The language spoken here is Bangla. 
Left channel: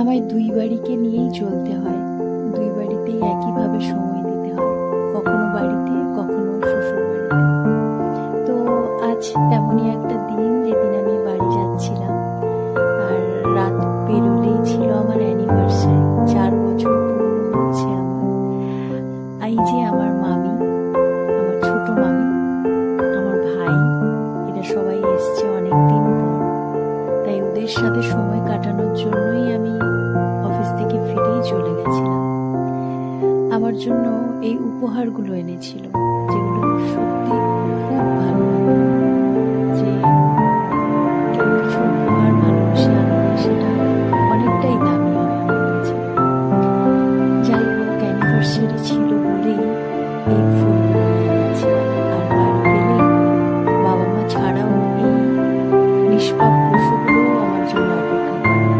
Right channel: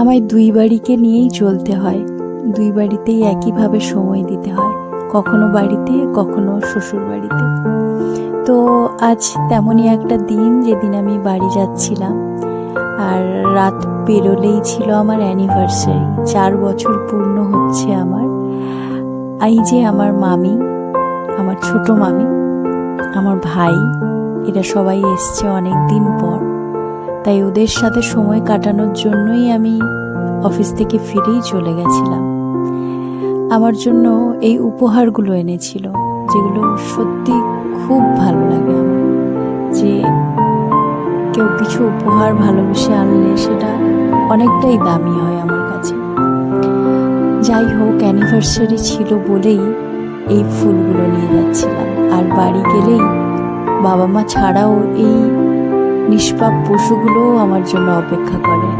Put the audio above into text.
আমায় দুই বাড়িকে নিয়েই চলতে হয়, দুই বাড়িতেই একইভাবে সময় দিতে হয়, কখনো বাড়িতে কখনো শ্বশুর বাড়িতে। তো আজ তেমনই একটা দিন, যেদিন আমি বাড়ি যাচ্ছিলাম, আর রাত পেরোলেই ছিল আমার অ্যানিভার্সারি। 4 বছর পূর্ণ হচ্ছে আমার। এই যে আমার মামি, আমার ছোট মামি, আমার ভাই, এরা সবাই এসছে অনেক দিন পর। তাই ওদের সাথে সময় কাটানোর জন্যই আমি অফিস থেকে ফিরেই চলে গেছিলাম। আমার জন্য এই উপহারগুলো এনেছিল, যেগুলো সত্যি খুব ভালো লাগে আমার। যে কেউ কিছু উপহার ভালোবেসে আনলে সেটা অনেকটাই দামি হয় আমার কাছে। যাই হোক, অ্যানিভার্সারি ছিল বলেই এই ফুলগুলো নিয়ে যাচ্ছিলাম। আর বাড়ি গেলেই বাবা মা ছাড়াও এই নিষ্পাপ পশুগুলোও আমার জন্য অপেক্ষা করে।